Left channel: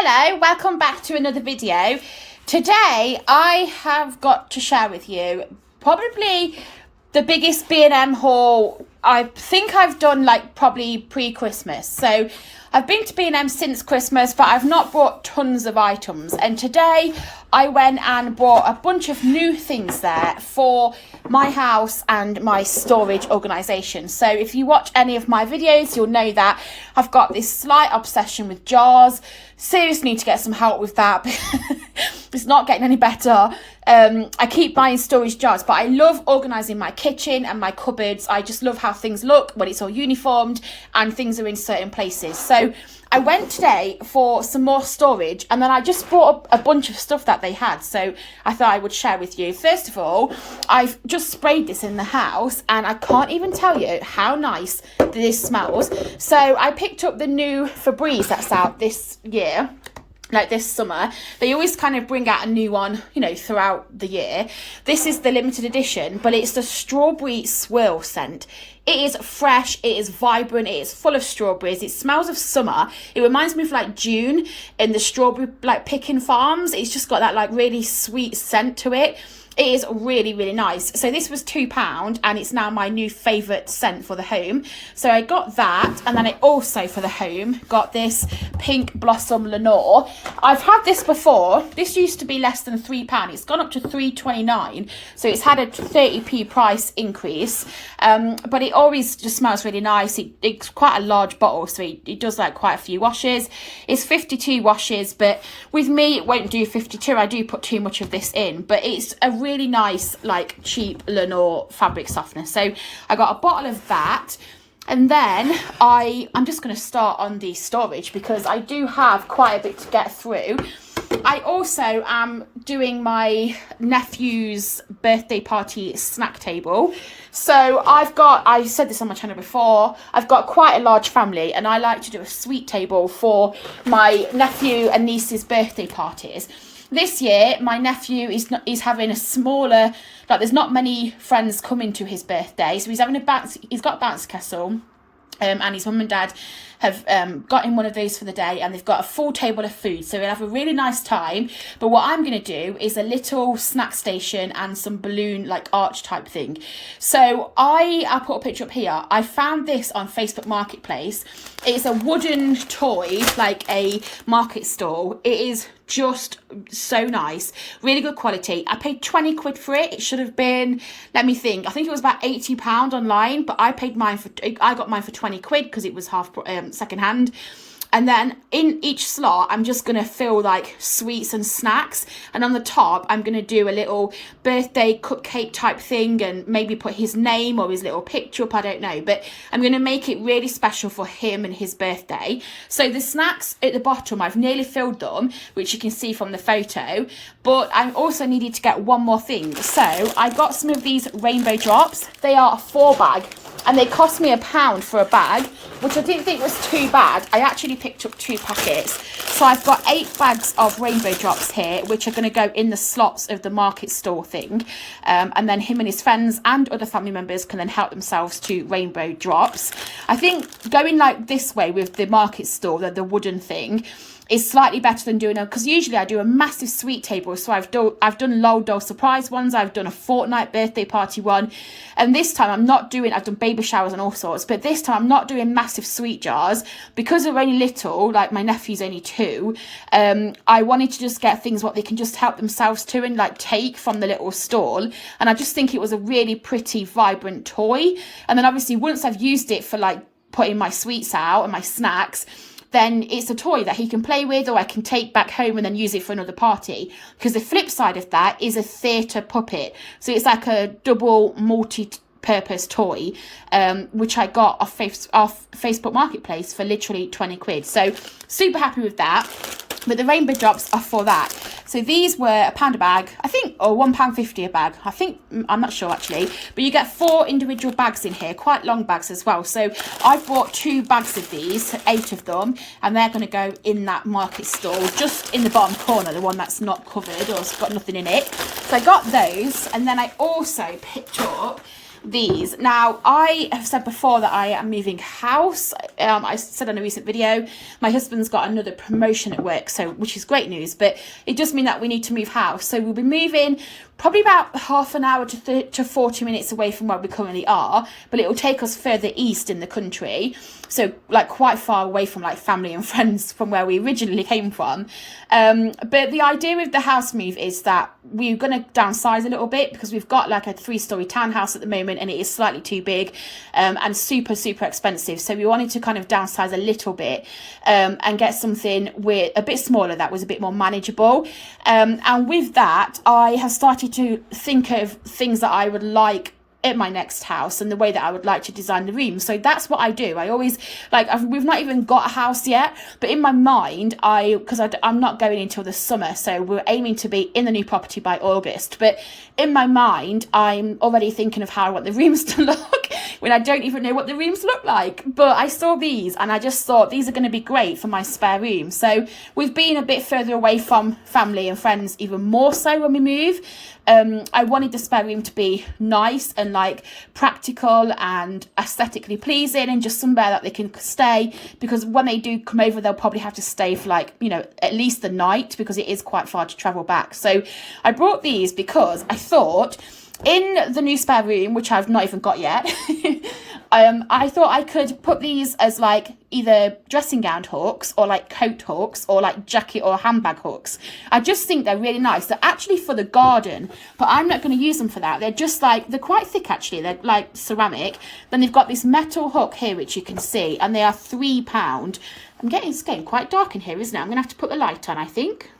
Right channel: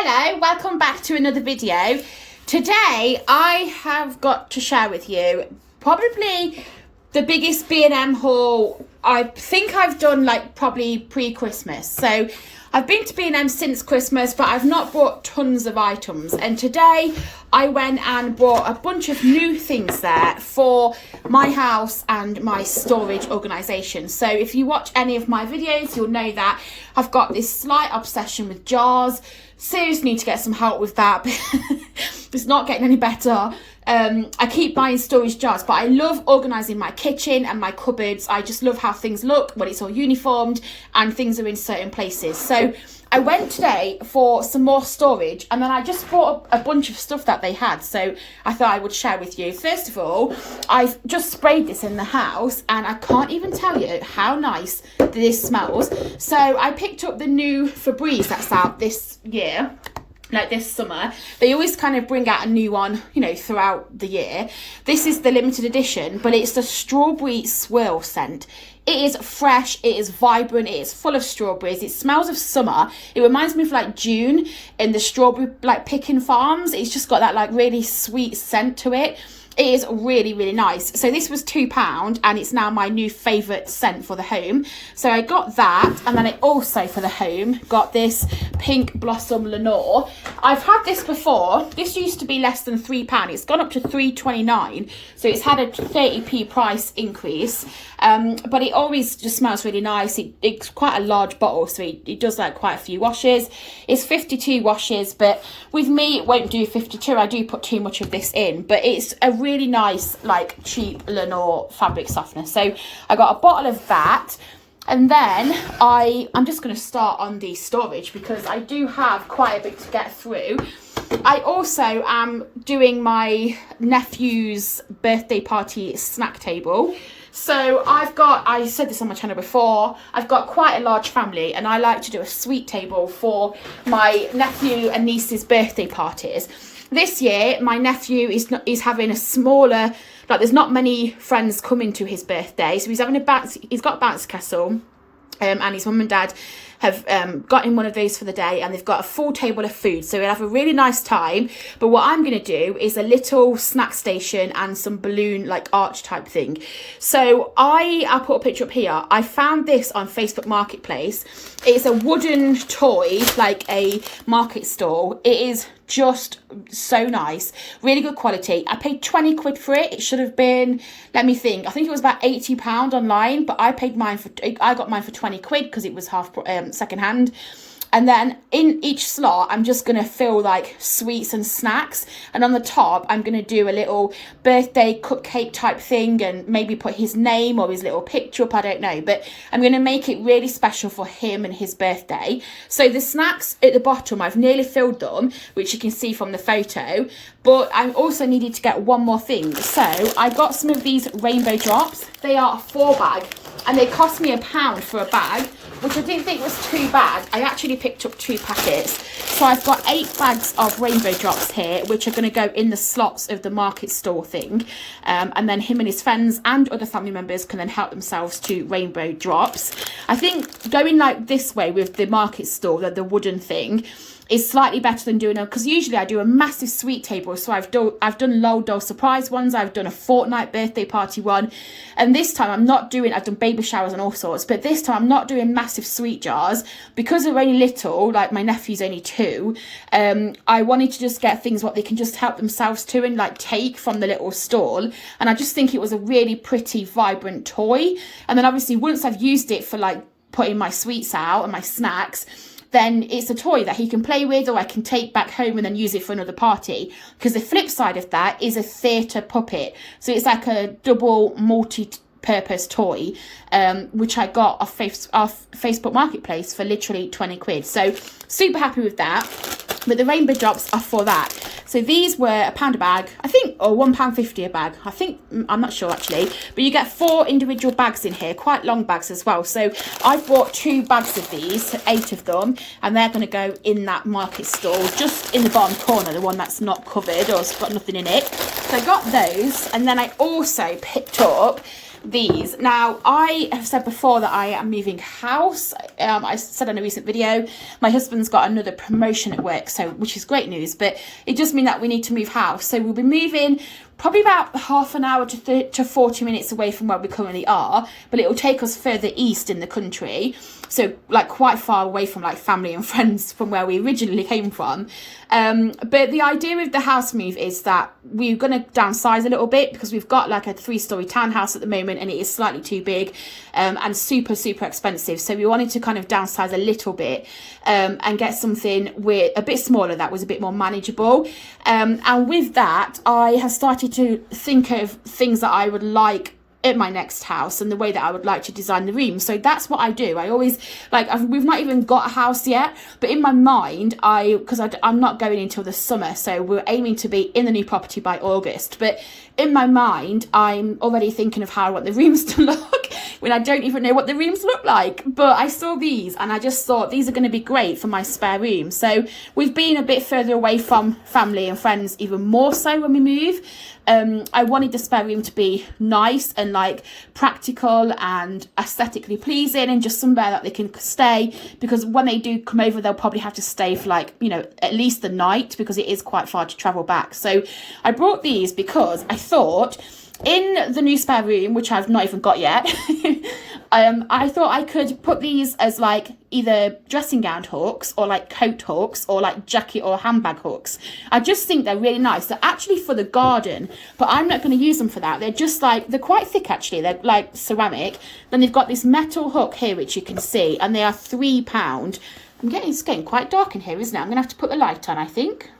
Hello, welcome back to another video. Today I have got to share with you probably the biggest B&M haul I think I've done, like probably pre-Christmas. So I've been to B&M since Christmas, but I've not bought tons of items, and today I went and bought a bunch of new things there for my house and my storage organisation. So if you watch any of my videos, you'll know that I've got this slight obsession with jars. Seriously need to get some help with that. It's not getting any better. I keep buying storage jars, but I love organising my kitchen and my cupboards. I just love how things look when it's all uniformed and things are in certain places. So I went today for some more storage, and then I just bought up a bunch of stuff that they had, so I thought I would share with you. First of all, I've just sprayed this in the house, and I can't even tell you how nice this smells. So I picked up the new Febreze that's out this year, like this summer. They always kind of bring out a new one, you know, throughout the year. This is the limited edition, but it's the strawberry swirl scent. It is fresh, it is vibrant, it is full of strawberries, it smells of summer. It reminds me of like June in the strawberry like picking farms. It's just got that like really sweet scent to it. It is really, really nice. So this was £2 and it's now my new favourite scent for the home. So I got that, and then I also for the home got this Pink Blossom Lenore. I've had this before. This used to be less than £3. It's gone up to £3.29. So it's had a 30p price increase. But it always just smells really nice. It's quite a large bottle, so it does like quite a few washes. It's 52 washes, but with me it won't do 52. I do put too much of this in, but it's a really nice like cheap Lenore fabric softener. So I got a bottle of that, and then I'm just going to start on the storage because I do have quite a bit to get through. I also am doing my nephew's birthday party snack table. So I've said this on my channel before, I've got quite a large family, and I like to do a sweet table for my nephew and niece's birthday parties. This year, my nephew is having a smaller, like there's not many friends coming to his birthday, so he's got a bouncy castle. And his mum and dad have got him one of those for the day, and they've got a full table of food, so we'll have a really nice time. But what I'm going to do is a little snack station and some balloon like arch type thing. So I'll put a picture up here. I found this on Facebook Marketplace. It's a wooden toy, like a market stall. It is just so nice, really good quality. I paid 20 quid for it. It should have been, let me think, I think it was about £80 online, but I got mine for 20 quid because it was half second hand. And then in each slot, I'm just going to fill like sweets and snacks. And on the top, I'm going to do a little birthday cupcake type thing and maybe put his name or his little picture up. I don't know. But I'm going to make it really special for him and his birthday. So the snacks at the bottom, I've nearly filled them, which you can see from the photo. But I also needed to get one more thing. So I got some of these rainbow drops. They are a 4-bag. And they cost me £1 for a bag, which I didn't think was too bad. I actually picked up 2 packets. So I've got 8 bags of rainbow drops here, which are going to go in the slots of the market store thing. And then him and his friends and other family members can then help themselves to rainbow drops. I think going like this way with the market store, the wooden thing, is slightly better than doing because usually I do a massive sweet table. So I've done Lol Doll surprise ones, I've done a fortnight birthday party one, and this time I've done baby showers and all sorts, but this time I'm not doing massive sweet jars because they're only little, like my nephew's only 2. I wanted to just get things what they can just help themselves to and like take from the little stall, and I just think it was a really pretty vibrant toy. And then obviously once I've used it for like putting my sweets out and my snacks, then it's a toy that he can play with, or I can take back home and then use it for another party. Because the flip side of that is a theatre puppet. So it's like a double multi-purpose toy, which I got off Facebook Marketplace for literally 20 quid. So super happy with that. But the rainbow drops are for that. So these were £1 a bag, I think, or £1.50 a bag. I think, I'm not sure actually. But you get 4 individual bags in here, quite long bags as well. So I've bought 2 bags of these, 8 of them, and they're going to go in that market stall, just in the bottom corner, the one that's not covered or has got nothing in it. So I got those, and then I also picked up these. Now, I have said before that I am moving house. I said in a recent video, my husband's got another promotion at work, so which is great news, but it does mean that we need to move house. So we'll be moving probably about half an hour to 40 minutes away from where we currently are, but it will take us further east in the country, so like quite far away from like family and friends from where we originally came from. But the idea with the house move is that we're going to downsize a little bit, because we've got like a 3-story townhouse at the moment and it is slightly too big and super expensive. So we wanted to kind of downsize a little bit and get something with a bit smaller that was a bit more manageable. And with that, I have started to think of things that I would like at my next house and the way that I would like to design the room. So that's what I do. I always we've not even got a house yet, but in my mind, I'm not going until the summer, so we're aiming to be in the new property by August. But in my mind, I'm already thinking of how I want the rooms to look when I don't even know what the rooms look like. But I saw these and I just thought these are going to be great for my spare room. So we've been a bit further away from family and friends, even more so when we move. I wanted the spare room to be nice and like practical and aesthetically pleasing, and just somewhere that they can stay, because when they do come over, they'll probably have to stay for like, you know, at least the night, because it is quite far to travel back. So I brought these because I thought in the new spare room, which I've not even got yet, I thought I could put these as like either dressing gown hooks or like coat hooks or like jacket or handbag hooks. I just think they're really nice. They're actually for the garden, but I'm not going to use them for that. They're just like, they're quite thick actually. They're like ceramic. Then they've got this metal hook here, which you can see, and they are £3. It's getting quite dark in here, isn't it? I'm going to have to put the light on, I think.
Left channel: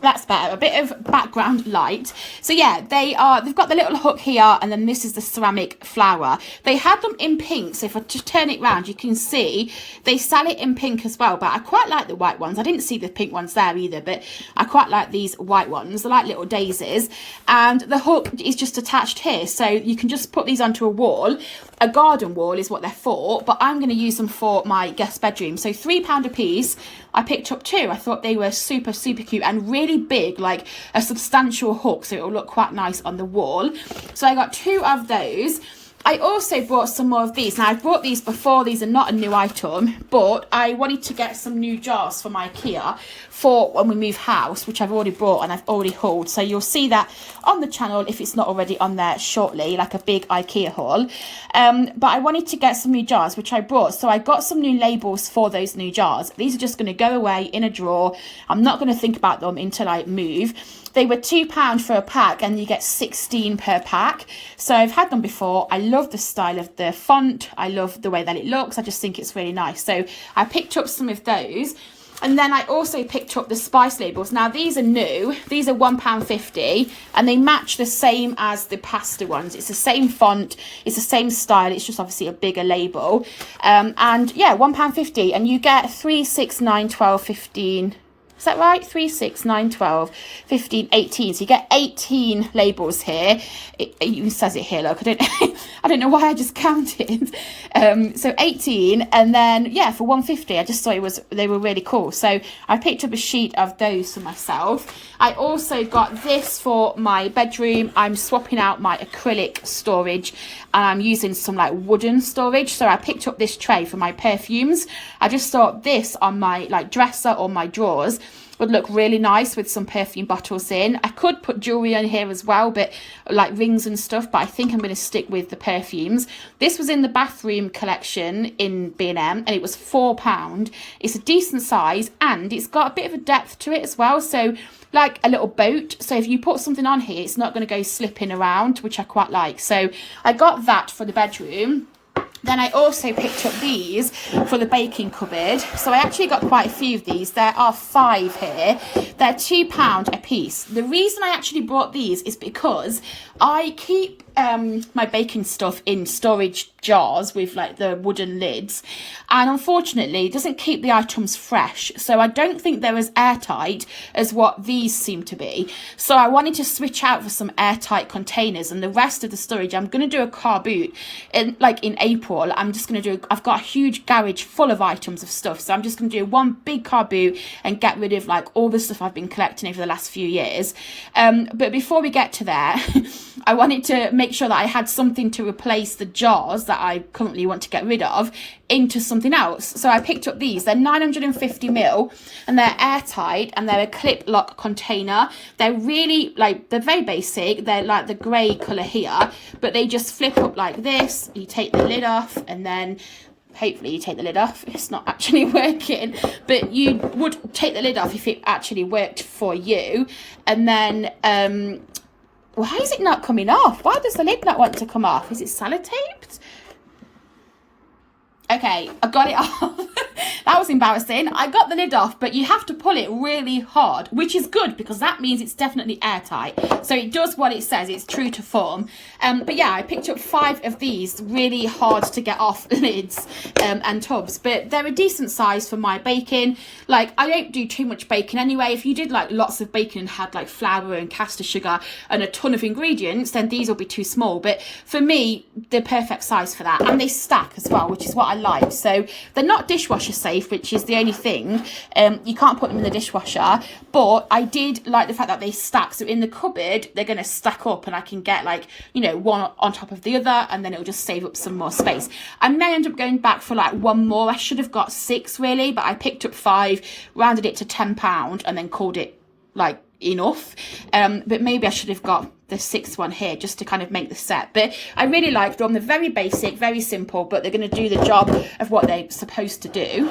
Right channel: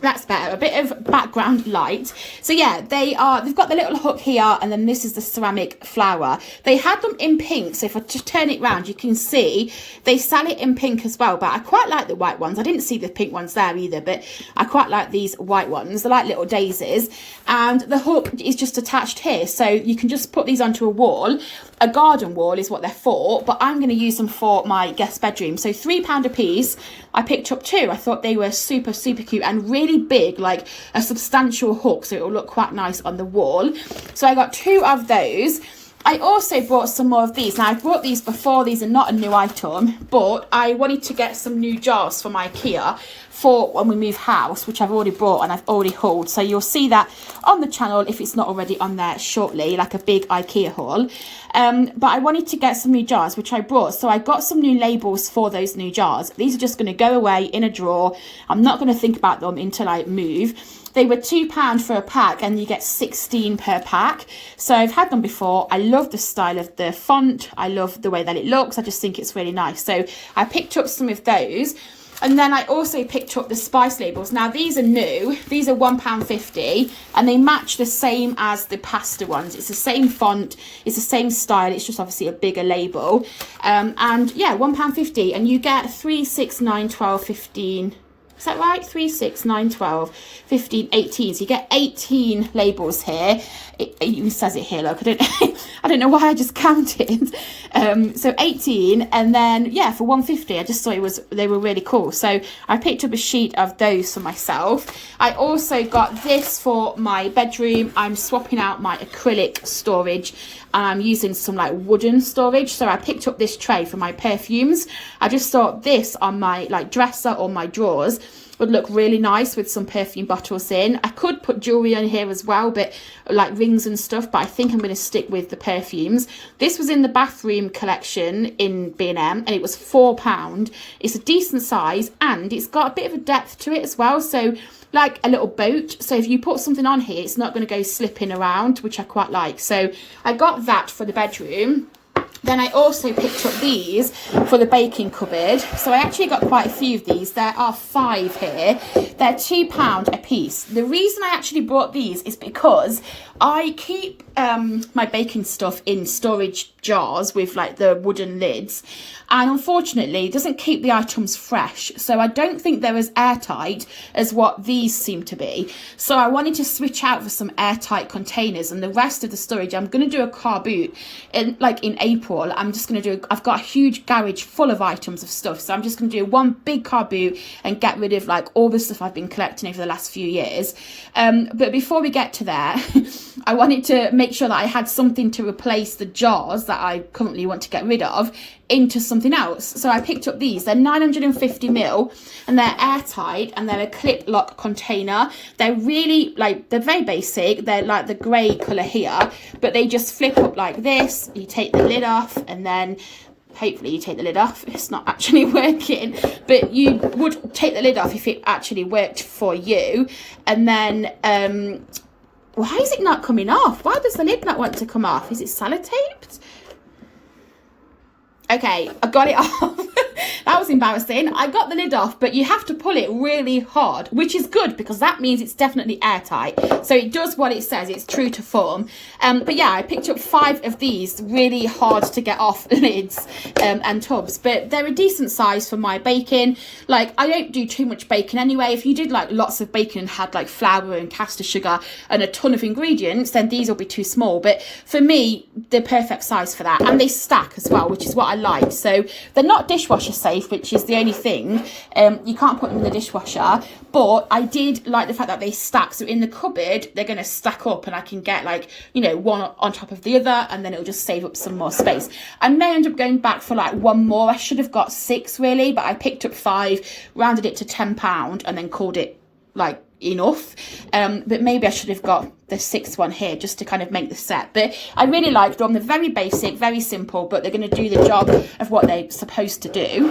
That's better, a bit of background light. So yeah, they've got the little hook here, and then this is the ceramic flower. They had them in pink, so if I just turn it round, you can see they sell it in pink as well, but I quite like the white ones. I didn't see the pink ones there either, but I quite like these white ones. They're like little daisies, and the hook is just attached here, so you can just put these onto a wall. A garden wall is what they're for, but I'm going to use them for my guest bedroom. So £3 a piece. I picked up 2. I thought they were super cute and really big, like a substantial hook, so it will look quite nice on the wall. So I got 2 of those. I also bought some more of these. Now, I've bought these before. These are not a new item, but I wanted to get some new jars from IKEA for when we move house, which I've already bought and I've already hauled. So you'll see that on the channel if it's not already on there shortly, like a big IKEA haul. But I wanted to get some new jars, which I brought. So I got some new labels for those new jars. These are just going to go away in a drawer. I'm not going to think about them until I move. They were £2 for a pack, and you get 16 per pack. So I've had them before. I love the style of the font. I love the way that it looks. I just think it's really nice. So I picked up some of those. And then I also picked up the spice labels. Now, these are new. These are £1.50, and they match the same as the pasta ones. It's the same font. It's the same style. It's just obviously a bigger label. And yeah, £1.50, and you get 3, 6, 9, 12, 15... Is that right? 3, 6, 9, 12, 15, 18. So you get 18 labels here. It even says it here, look. I don't know why I just counted. So 18, and then yeah, for £1.50, I just thought they were really cool. So I picked up a sheet of those for myself. I also got this for my bedroom. I'm swapping out my acrylic storage, and I'm using some like wooden storage. So I picked up this tray for my perfumes. I just thought this on my like dresser or my drawers would look really nice with some perfume bottles in. I could put jewelry on here as well, but like rings and stuff, but I think I'm going to stick with the perfumes. This was in the bathroom collection in B&M, and it was £4. It's a decent size, and it's got a bit of a depth to it as well, so like a little boat. So if you put something on here, it's not going to go slipping around, which I quite like. So I got that for the bedroom. Then I also picked up these for the baking cupboard. So I actually got quite a few of these. There are 5 here. They're £2 a piece. The reason I actually brought these is because I keep my baking stuff in storage jars with like the wooden lids, and unfortunately it doesn't keep the items fresh, so I don't think they're as airtight as what these seem to be. So I wanted to switch out for some airtight containers, and the rest of the storage I'm going to do a car boot in April. I've got a huge garage full of items of stuff, so I'm just going to do one big car boot and get rid of like all the stuff I've been collecting over the last few years. But before we get to there, I wanted to make make sure that I had something to replace the jars that I currently want to get rid of into something else. So I picked up these. They're 950ml and they're airtight and they're a clip lock container. They're really like, they're very basic. They're like the grey colour here, but they just flip up like this. You take the lid off and then hopefully you take the lid off. It's not actually working, but you would take the lid off if it actually worked for you. And then why is it not coming off? Why does the lid not want to come off? Is it sellotaped? Okay, I got it off. That was embarrassing. I got the lid off, but you have to pull it really hard, which is good because that means it's definitely airtight. So it does what it says. It's true to form. But yeah, I picked up 5 of these really hard to get off lids and tubs, but they're a decent size for my baking. Like, I don't do too much baking anyway. If you did like lots of baking and had like flour and caster sugar and a ton of ingredients, then these will be too small. But for me, they're perfect size for that. And they stack as well, which is what I like. So they're not dishwasher safe, which is the only thing. You can't put them in the dishwasher, but I did like the fact that they stack. So in the cupboard, they're going to stack up and I can get like, you know, one on top of the other, and then it'll just save up some more space. I may end up going back for like one more. I should have got 6 really, but I picked up 5, rounded it to £10 and then called it like enough. But maybe I should have got the 6th one here just to kind of make the set. But I really liked them. They're very basic, very simple, but they're going to do the job of what they're supposed to do.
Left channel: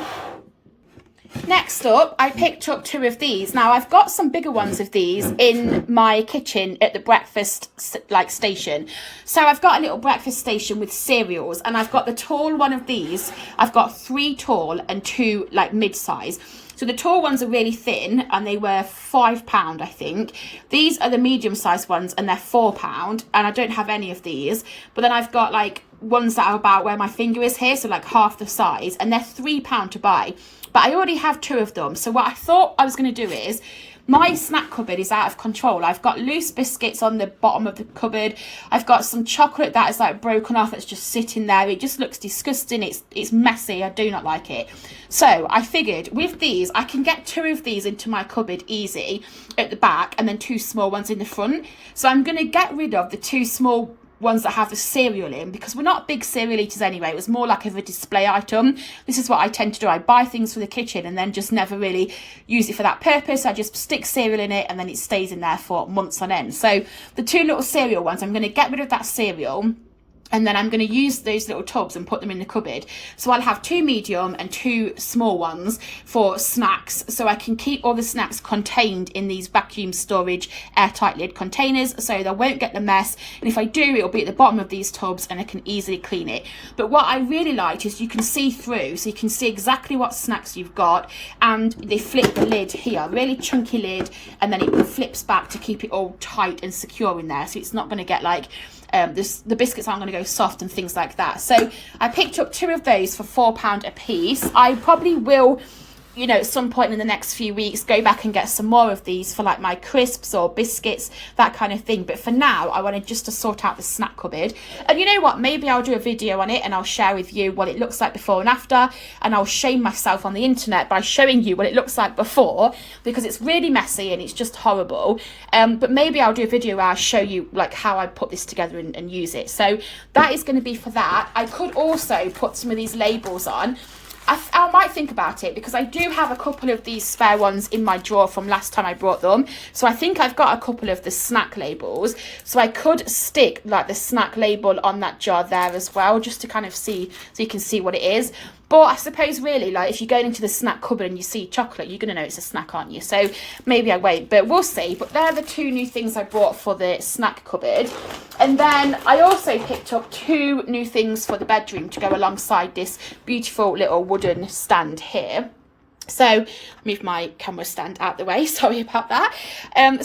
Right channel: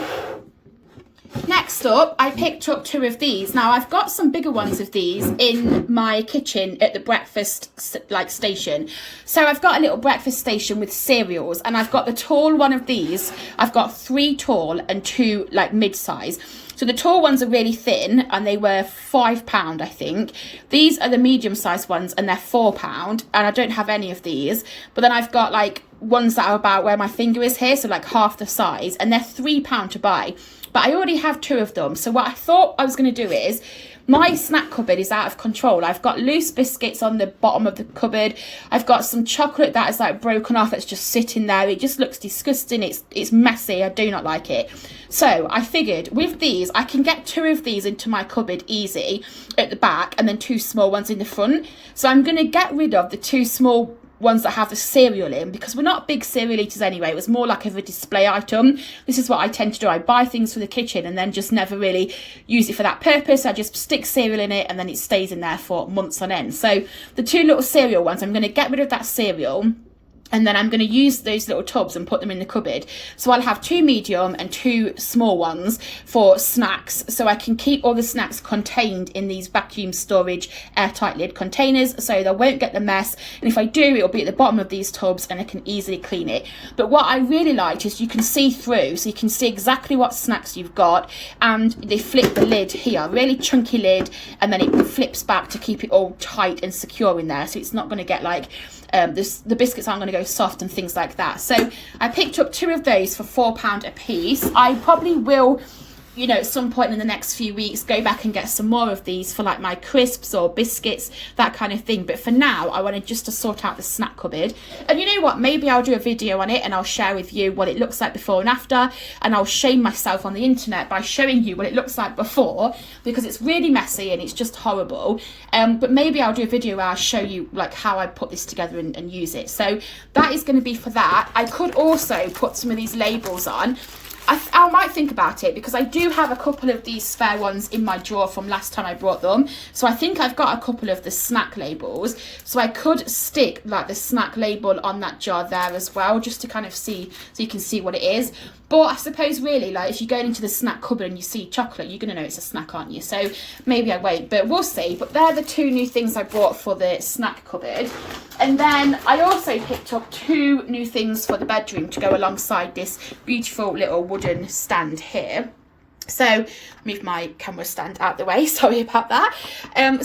Next up, I picked up 2 of these. Now, I've got some bigger ones of these in my kitchen at the breakfast like station. So I've got a little breakfast station with cereals, and I've got the tall one of these. I've got 3 tall and 2 like mid-size. So the tall ones are really thin and they were £5, I think. These are the medium-sized ones and they're £4, and I don't have any of these. But then I've got like ones that are about where my finger is here, so like half the size, and they're £3 to buy. But I already have 2 of them. So what I thought I was going to do is, my snack cupboard is out of control. I've got loose biscuits on the bottom of the cupboard. I've got some chocolate that is like broken off. It's just sitting there. It just looks disgusting. It's messy. I do not like it. So I figured with these, I can get 2 of these into my cupboard easy at the back and then 2 small ones in the front. So I'm going to get rid of the 2 small ones that have the cereal in, because we're not big cereal eaters anyway. It was more like of a display item. This is what I tend to do. I buy things for the kitchen and then just never really use it for that purpose. I just stick cereal in it and then it stays in there for months on end. So the 2 little cereal ones, I'm going to get rid of that cereal. And then I'm going to use those little tubs and put them in the cupboard. So I'll have 2 medium and 2 small ones for snacks. So I can keep all the snacks contained in these vacuum storage airtight lid containers, so they won't get the mess. And if I do, it'll be at the bottom of these tubs and I can easily clean it. But what I really liked is you can see through, so you can see exactly what snacks you've got. And they flip the lid here, really chunky lid, and then it flips back to keep it all tight and secure in there. So it's not going to get like, the biscuits aren't going to go soft and things like that. So I picked up 2 of those for £4 a piece. I probably will, you know, at some point in the next few weeks, go back and get some more of these for like my crisps or biscuits, that kind of thing. But for now, I wanted just to sort out the snack cupboard. And you know what, maybe I'll do a video on it and I'll share with you what it looks like before and after, and I'll shame myself on the internet by showing you what it looks like before, because it's really messy and it's just horrible. But maybe I'll do a video where I'll show you like how I put this together and use it. So that is going to be for that. I could also put some of these labels on. I might think about it, because I do have a couple of these spare ones in my drawer from last time I brought them. So I think I've got a couple of the snack labels. So I could stick like the snack label on that jar there as well, just to kind of see, so you can see what it is. But I suppose really, like, if you're going into the snack cupboard and you see chocolate, you're going to know it's a snack, aren't you? So maybe I won't, but we'll see. But they're the 2 new things I bought for the snack cupboard. And then I also picked up 2 new things for the bedroom to go alongside this beautiful little wooden stand here. So move my camera stand out the way, sorry about that.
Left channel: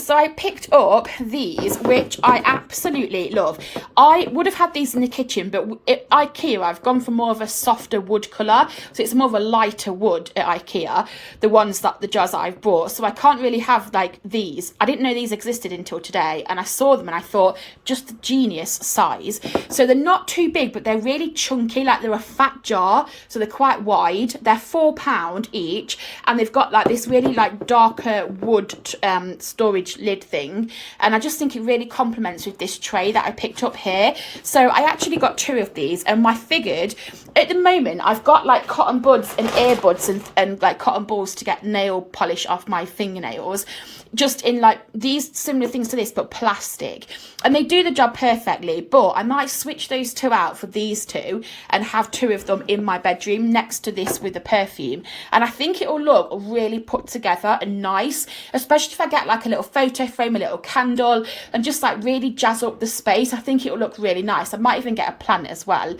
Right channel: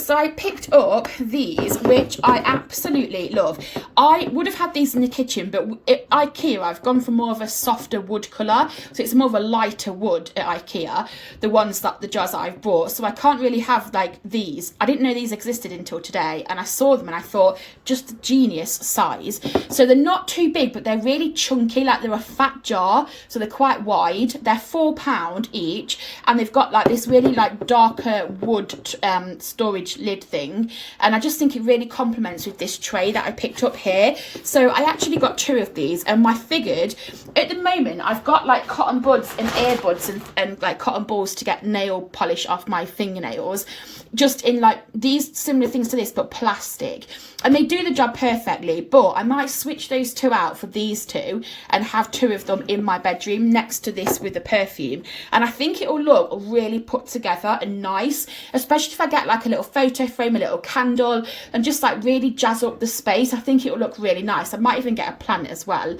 So I picked up these, which I absolutely love. I would have had these in the kitchen, but at IKEA I've gone for more of a softer wood colour, so it's more of a lighter wood at IKEA, the jars that I've bought. So I can't really have like these. I didn't know these existed until today, and I saw them and I thought, just a genius size. So they're not too big, but they're really chunky, like they're a fat jar, so they're quite wide. They're £4 each. much. And they've got like this really like darker wood storage lid thing, and I just think it really complements with this tray that I picked up here. So I actually got 2 of these, and I figured at the moment I've got like cotton buds and earbuds and like cotton balls to get nail polish off my fingernails, just in like these similar things to this but plastic, and they do the job perfectly. But I might switch those 2 out for these 2 and have 2 of them in my bedroom next to this with the perfume, and I think it will look really put together and nice, especially if I get like a little photo frame, a little candle, and just like really jazz up the space. I think it will look really nice. I might even get a plant as well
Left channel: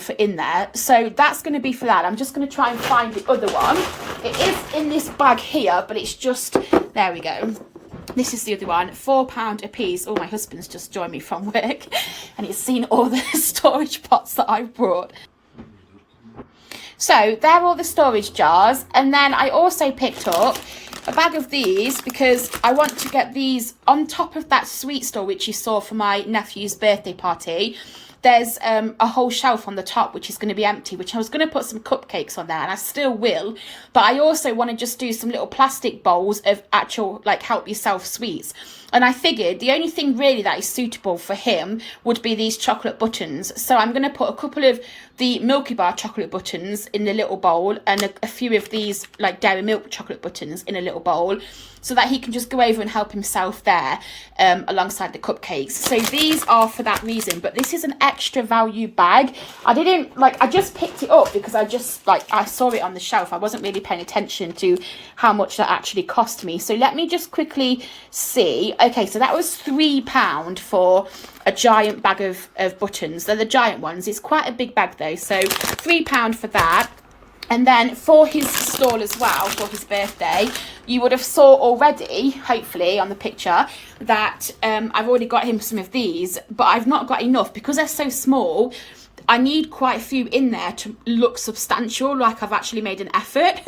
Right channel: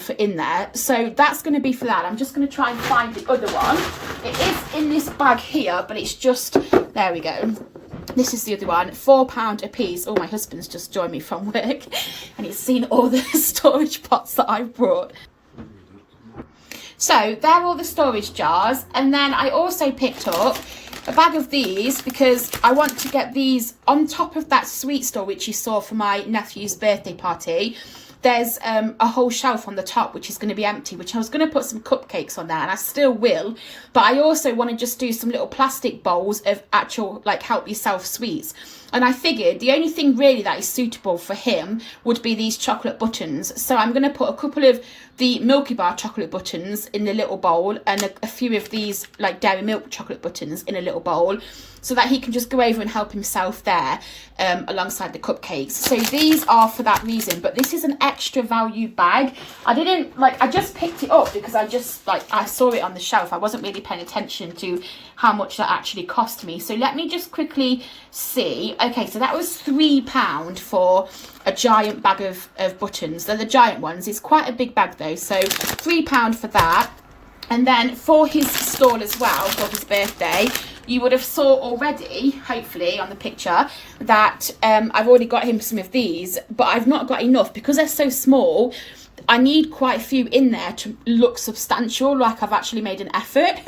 for in there. So that's going to be for that. I'm just going to try and find the other one. It is in this bag here, but it's just, there we go. This is the other one, £4 a piece. Oh, my husband's just joined me from work and he's seen all the storage pots that I've brought. So they're all the storage jars. And then I also picked up a bag of these because I want to get these on top of that sweet store which you saw for my nephew's birthday party. There's a whole shelf on the top which is going to be empty, which I was going to put some cupcakes on there, and I still will, but I also want to just do some little plastic bowls of actual like help yourself sweets. And I figured the only thing really that is suitable for him would be these chocolate buttons. So I'm going to put a couple of the Milky Bar chocolate buttons in the little bowl, and a few of these like Dairy Milk chocolate buttons in a little bowl, so that he can just go over and help himself there alongside the cupcakes. So these are for that reason, but this is an extra value bag. I just picked it up because I saw it on the shelf. I wasn't really paying attention to how much that actually cost me. So let me just quickly see. Okay, so that was £3 for a giant bag of buttons. They're the giant ones. It's quite a big bag though, so £3 for that. And then for his stall as well, for his birthday, you would have saw already, hopefully on the picture, that I've already got him some of these, but I've not got enough because they're so small. I need quite a few in there to look substantial, like I've actually made an effort.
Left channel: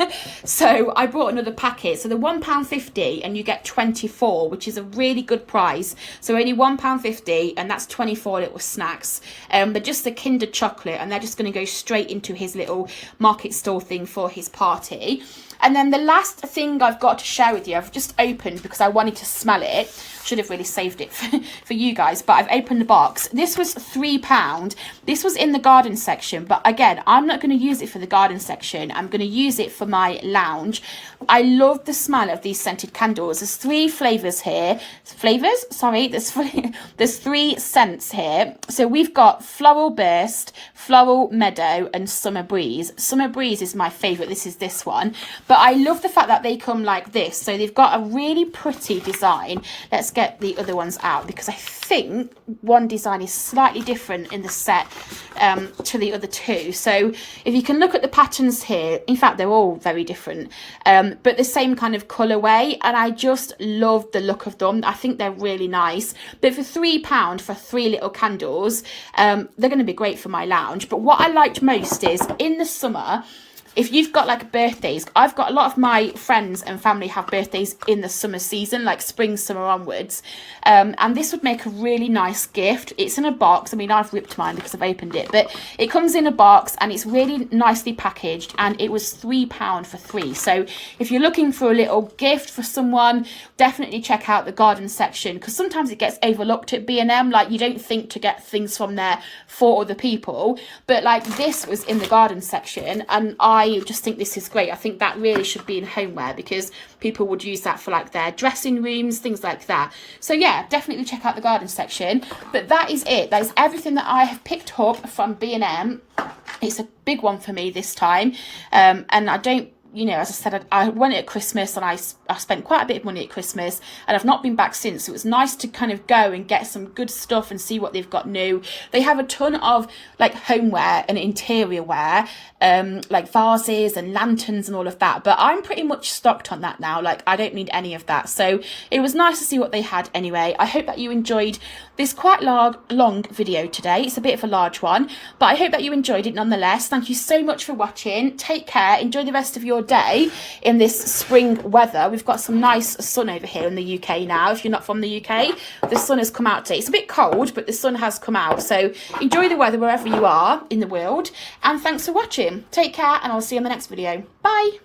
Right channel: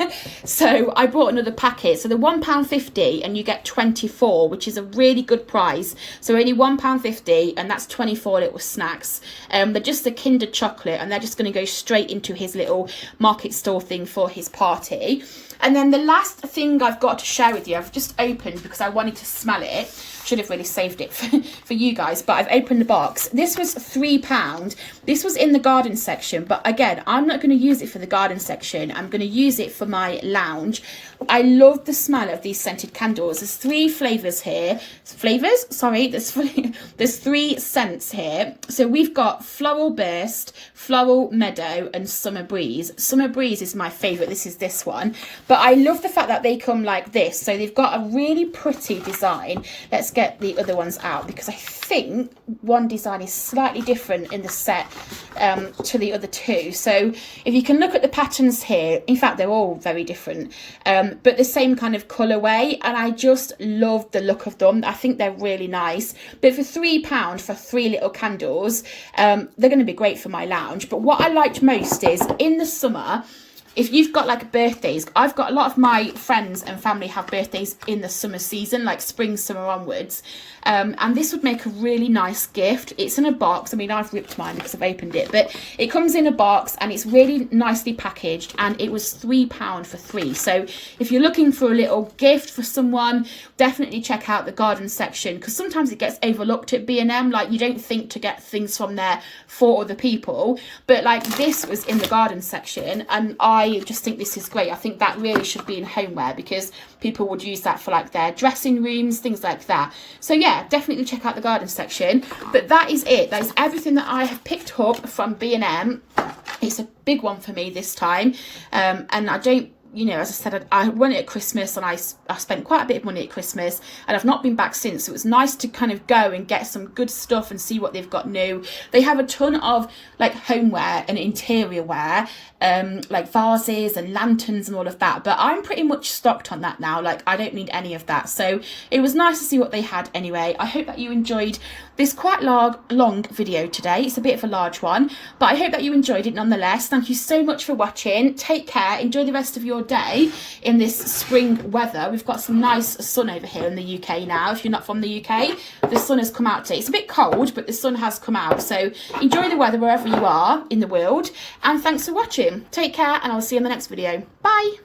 So I bought another packet. So they're £1.50 and you get 24, which is a really good price. So only £1.50 and that's 24 little snacks. They're just a Kinder chocolate, and they're just going to go straight into his little market store thing for his party. And then the last thing I've got to share with you, I've just opened because I wanted to smell it. Should have really saved it for you guys, but I've opened the box. This was £3. This was in the garden section, but again, I'm not going to use it for the garden section. I'm going to use it for my lounge. I love the smell of these scented candles. There's 3 flavours here. There's 3 scents here. So we've got Floral Burst, Floral Meadow and Summer Breeze. Summer Breeze is my favourite. This is this one. But I love the fact that they come like this. So they've got a really pretty design. Let's get the other ones out because I think one design is slightly different in the set to the other 2. So if you can look at the patterns here, in fact, they're all very different. But the same kind of colourway, and I just love the look of them. I think they're really nice. But for £3 for 3 little candles, they're going to be great for my lounge. But what I liked most is in the summer, if you've got like birthdays, I've got a lot of my friends and family have birthdays in the summer season, like spring, summer onwards. And this would make a really nice gift. It's in a box. I mean, I've ripped mine because I've opened it, but it comes in a box and it's really nicely packaged, and it was £3 for 3. So if you're looking for a little gift for someone, definitely check out the garden section, because sometimes it gets overlooked at B&M. Like, you don't think to get things from there for other people, but like this was in the garden section, and I just think this is great. I think that really should be in homeware because people would use that for like their dressing rooms, things like that. So yeah, definitely check out the garden section. But that is it. That is everything that I have picked up from B&M. It's a big one for me this time, and I don't, you know, as I said, I went at Christmas and I spent quite a bit of money at Christmas, and I've not been back since. So it was nice to kind of go and get some good stuff and see what they've got new. They have a ton of like homeware and interior wear, like vases and lanterns and all of that. But I'm pretty much stocked on that now. Like, I don't need any of that. So it was nice to see what they had anyway. I hope that you enjoyed this quite long video today. It's a bit of a large one, but I hope that you enjoyed it nonetheless. Thank you so much for watching. Take care. Enjoy the rest of your day in this spring weather. We've got some nice sun over here in the UK now. If you're not from the UK, the sun has come out today. It's a bit cold, but the sun has come out. So enjoy the weather wherever you are in the world. And thanks for watching. Take care, and I'll see you in the next video. Bye.